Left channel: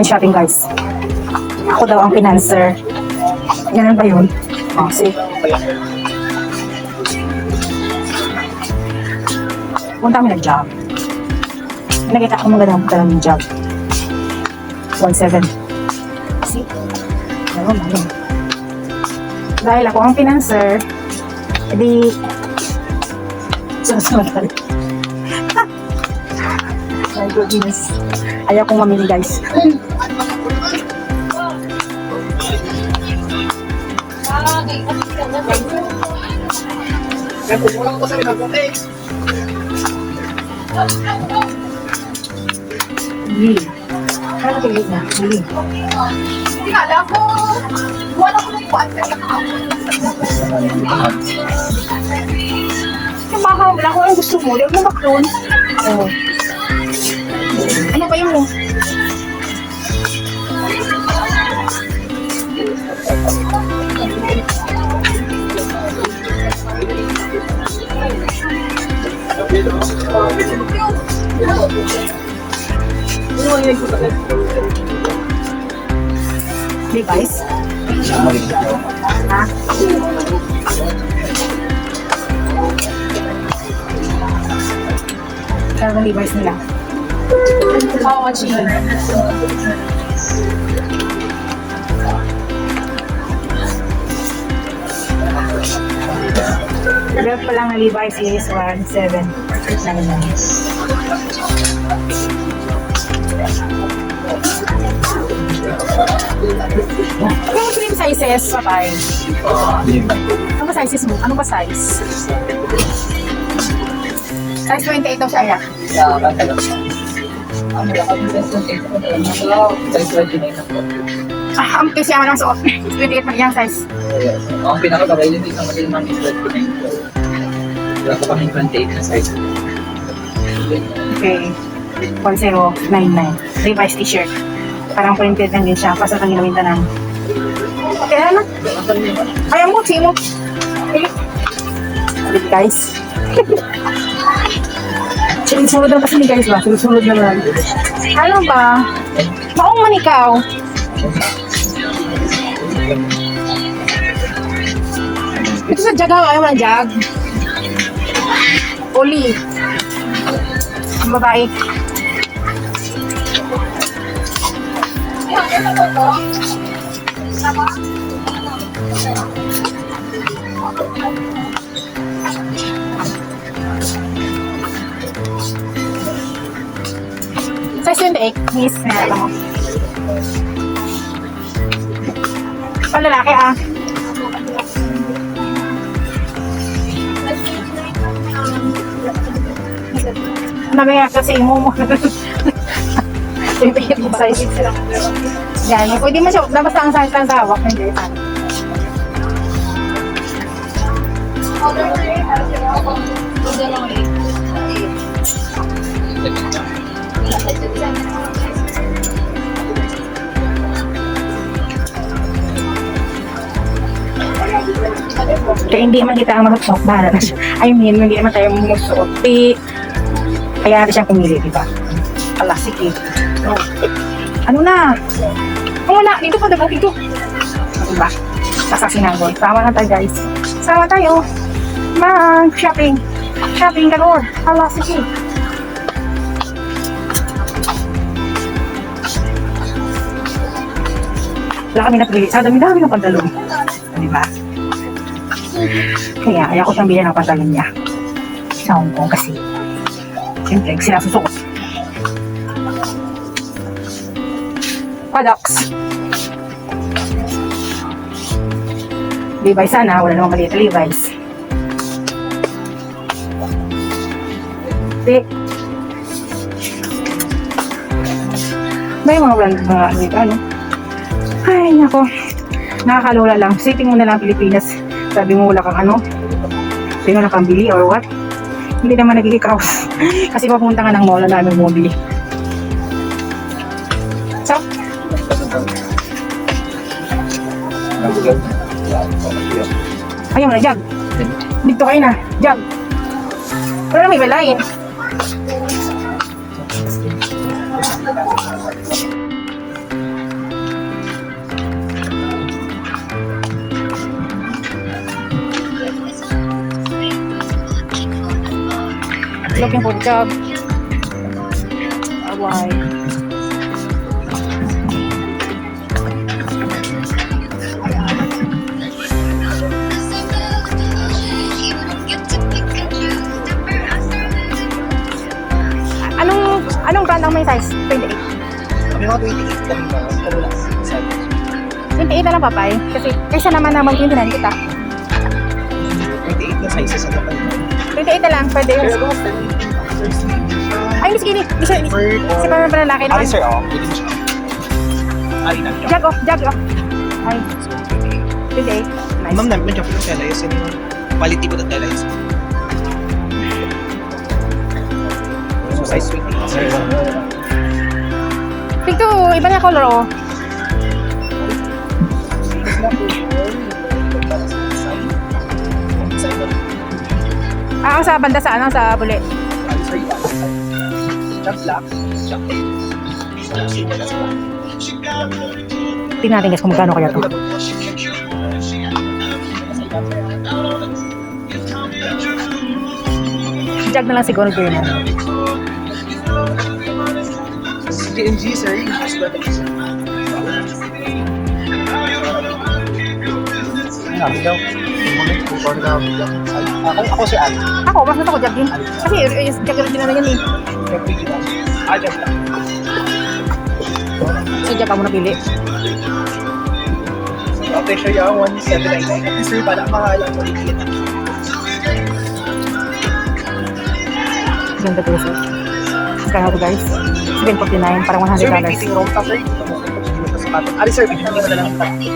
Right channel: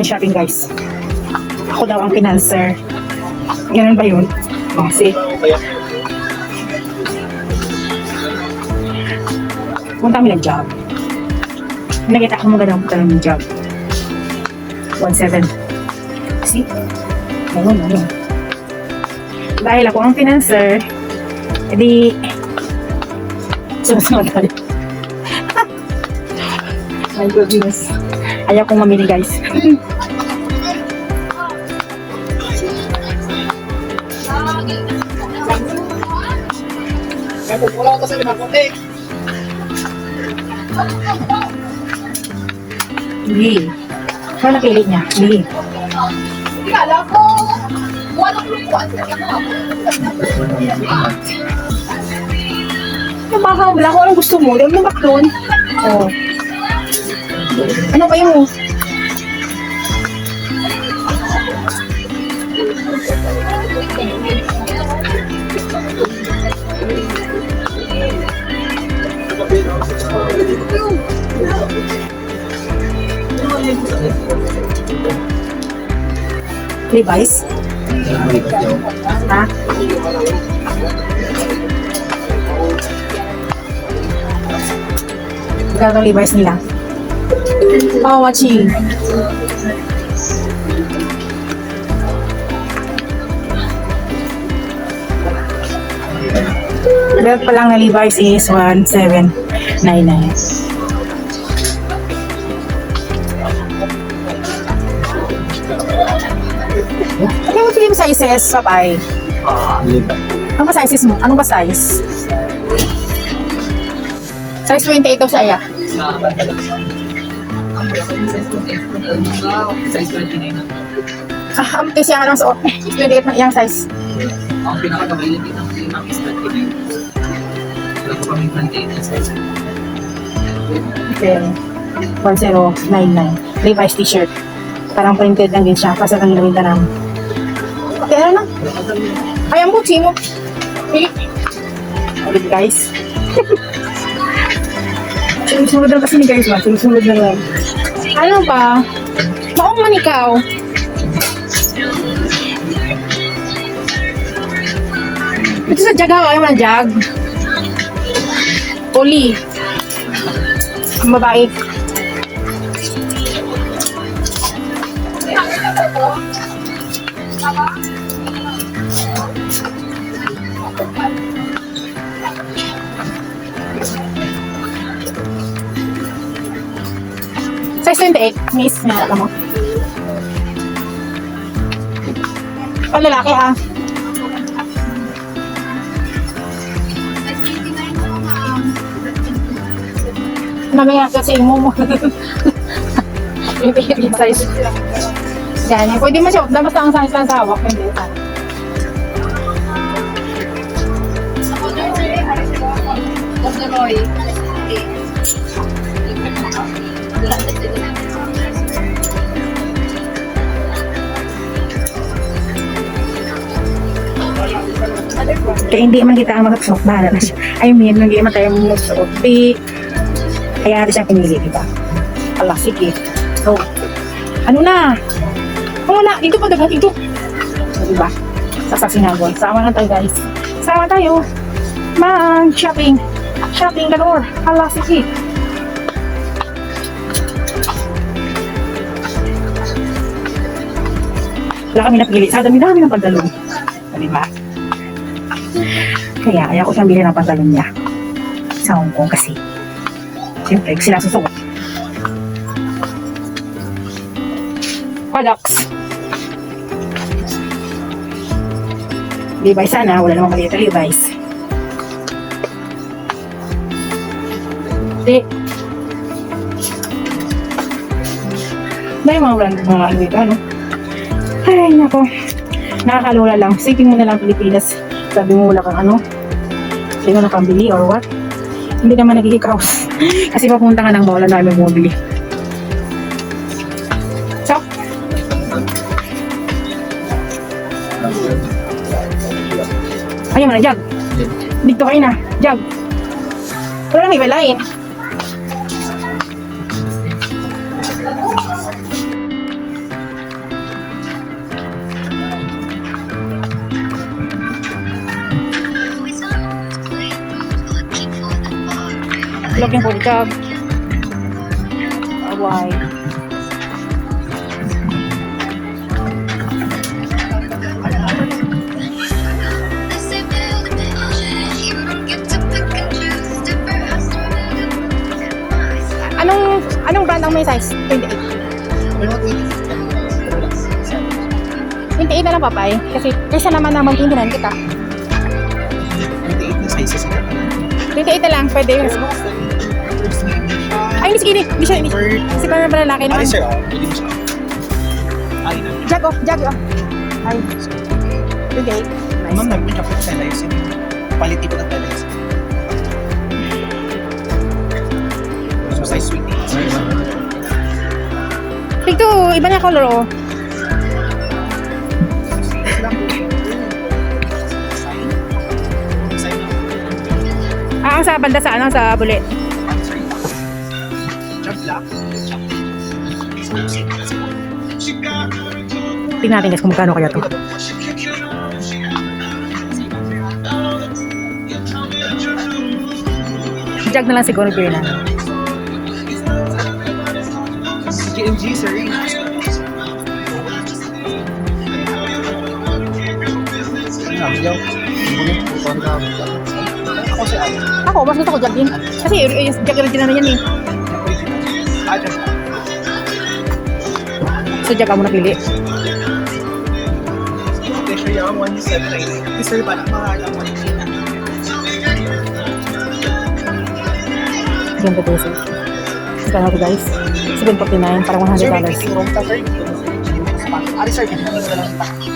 going shopping, guys. Ako daw ang financer. Ganun ba yun? Oh, see? Punta kami nag-job. Nakita ko mga daw ng job. 1.7. See? Dalawa mo yun. Dahil ako ang financer, edi susunod ka rin. My goodness. Ayaw kong mamili, guys. Wala ko kasi napunti. Hindi. Ano napili niya? Hindi. Hindi alam mo. Wala ko lupuan. Napakaham lang kung ano gusto mo. Dahil mo bakdoon. Oh. Ano kayo mo? Levi's? Ha? Gano'ng Levi's nila? Oh, watching. Belt pa lang na Levi's is 1,799. Ano ba yung sizes, Papay? Ano ba sizes mo? Ano ba size? Size 28 daw siya. Size 29 na po. Kasi ano, so 28 na yung size. Ang pinakakabay din dito naman din is 29 po. Wala ko kami 28 na size. Okay. 1099. Levi's t-shirt. Parang printed lang din siya. Pasa lang ginawin na lang. Kaya ano? Ayaw mo, Chimo. Guys. Sinusunod lang kasi ni guys ba? Sinusunod na lang. Ano ba? Maong man ikaw. Ito sa Jagaw. Ayaw man Jag. Oli. Ang babae. Size 28, miss. Meron mo. Ang lalaki ah. Mamaya kasi mo mo. Yung size. Yan, pwede mo siya. Basta ang size lang sa hawak. Pwede. Kaya hindi man kita ang magsuot na na siya. I mean, hindi naman tayo magsuot. Kaya natin siya pumili, diba? Ala, sige. So, ano na? Wala, dito pa dapat ito. Diba? Nasa sinangol. Sama na tayo, guys. Sama tayo. Mag-shopping. Shopping ka or. Ala, sige. Wala kami napili. Sa dami-dami ng pantalon. Diba? Kaya ayaw ko siyang bilhin ng pantalon niya. Sa Hong Kong kasi. Siyempre, sila susuot. Products. Levi's sana. Wala namang maliit na Levi's. May mga brand mga ano ito, ano? Ay, nako. Nakakalula lang. Sipin mo na lang Pilipinas. Sabi mo wala kang ano? Sino na pambili or what? Hindi naman nagigikaos. Kasi mapunta ka ng mall, ang dami mong bili. So? Ayaw mo na, Jag. Dito kayo na, Jag. Pero lang ibalain. wide. Anong brand ang may size? 28 na lang, papay. Kasi kaysa naman naman 29 ka. 28 na sizes sa tapat. 28 na lang, pwede yun. Ay, sige, hindi siya. Kasi parang lalaki naman. Sir, oh. Ay, Jag, oh. Ay, 28. Nice. ma'am, namin medyo po telayos. Yung quality po ng telayos. So, size 28. Sir, Tigto, iba niya color, oh. Ang sa banda sa ano, sa buli. Jump black. Jump Tingnan natin guys kung magkano kaya to. Jag na lang siguro bilhin natin. KMG, sir. Ako si Ali. Ako, mas gusto ko jag din. Kasi yung jag original na yan eh. Jump black. So jag ang muna pili. Okay, siya yung 179. Kasi sir, pala mahal ang quality na. Ganda din sir. Magkano to guys? 749, parang $100. Sir, may fitting room ka, sir. Hindi mo na sapatin. Ali, sir, bibili mo na lang ng sapatin.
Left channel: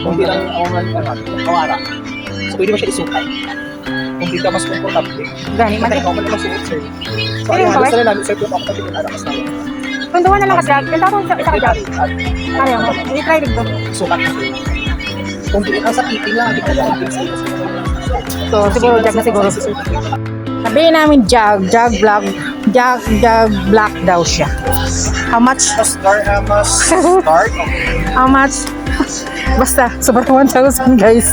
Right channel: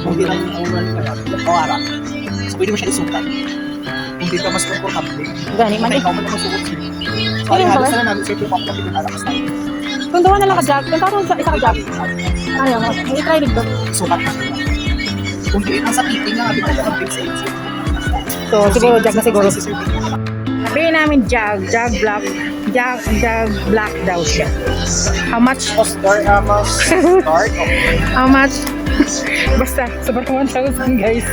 Kung di lang kawara. So, pwede mo siya isukat. Kung di ka mas comfortable. Gani, Kaya ikaw man naman suot, sir. So, ali, halos na namin, sir, kung ako pati alakas na. Kung dawa na lang ka-jag, kaya ako isa ka-jag. Ano, hindi try din to. Sukat na, sir. Kung di ka sa fitting lang, hindi ka lang fitting. So, siguro jag na siguro. Sabihin namin jag black daw siya. How much? Start. How much? Basta, sobrang 1,000 guys.